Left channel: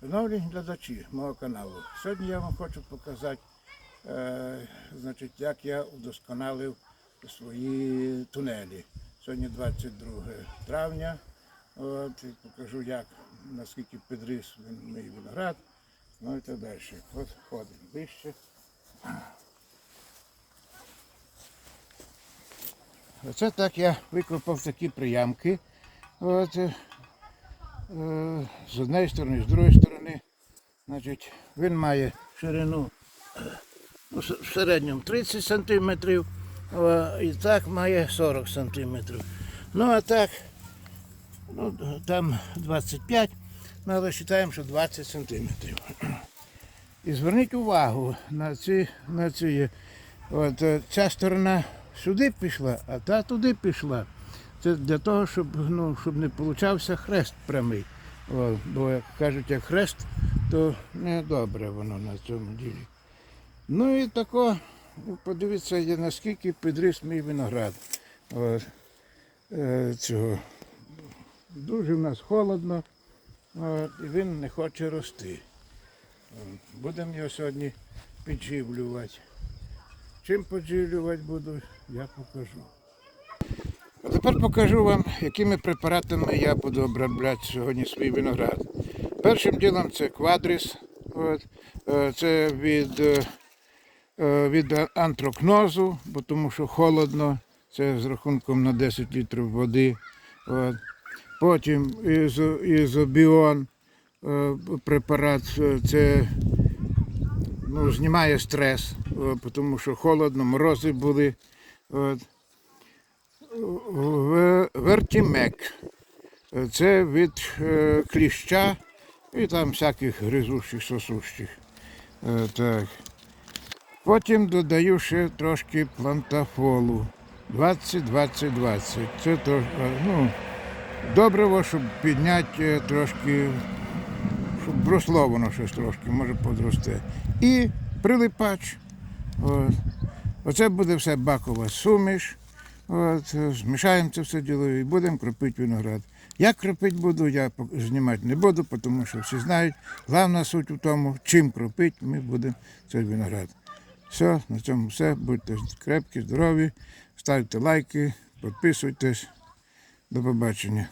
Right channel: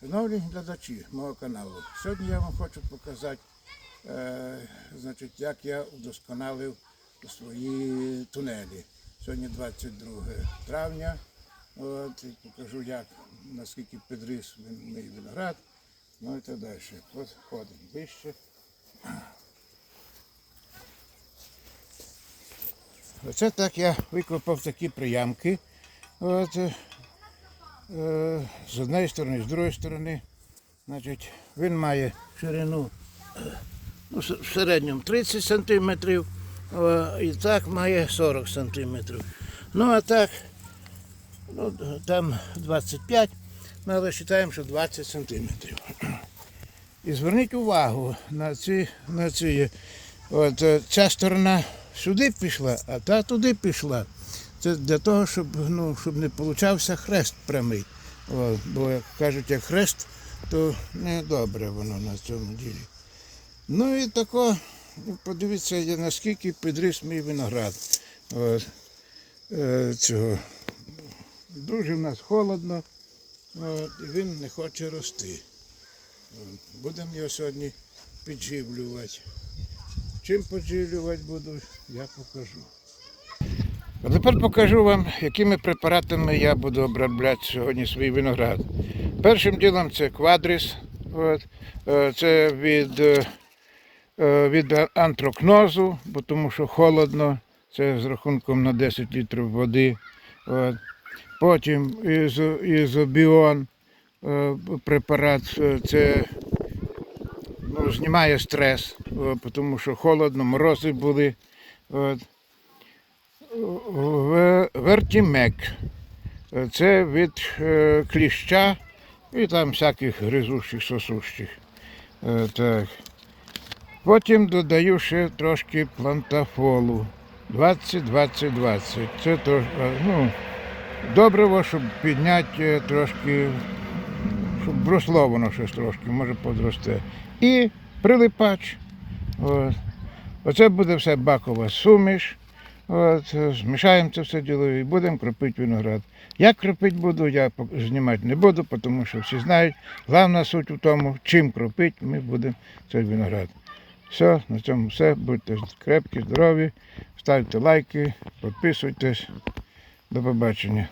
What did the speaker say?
Шановні глядачі мого каналу, сьогодні я вам хочу показати, е, значить, як я удосконалив свої тунелі. Сьогодні 22 травня. От, і покажу, як, наскільки підріс мій виноград. Ну і так далі. От ходимо ближче. Оце так я викопав такі приямки. От, з однієї сторони, з другої сторони. Значить, він має ширину е, ну, в середньому 30 см, і так має 40 см. Ну а так, ну, там 25, ну, але вважаємо, що 20 см. І зверніть увагу на ці, на ці. От, е, ця сторона сюди пішла, а та туди пішла. Це для того, щоб, ну, щоб не получався хрест прямий. О, бо як кажуть, як хрест, то не добре воно на цьому ділі. Ну і тако, ну, подивіться, наскільки підріс мій виноград. От, е, цього. Дуже в нас холодно, от, він не хоче рости. Будемо його сьогодні підживлювати. Чим підживлювати буду, я покажу. А тепер покажу вам, якими препаратами я буду обробляти сьогодні свій виноград. Першим ділом це квадріс. Е, це від, е, е, від антрокнозу, бо тому що холодно, це з рахунком на 10 літрів води. От. Потім ізо, ізобіон препарат, це ну, знімає стрес, тому що холодно, морози були. От. Вертімек. Це від е, кліща і там всяких гризущих, сосущих. Е, так. Потім додаю ще трошки плантафолу. 20-20-20. Це то, е, ну, добриво, щоб підняти трошки, щоб росло воно щось трошки, може подросте. І прилипач. От. Оце буде все бакова суміш. От, змішаємо це все діло і будемо кропити виноград. Як кропити буду, я знімати не буду, тому що всі знають. Головна суть у тому, чим кропити, ми будемо цей виноград. Все, на цьому все. Будьте крепкі, здорові, ставте лайки, підписуйтесь. До побачення.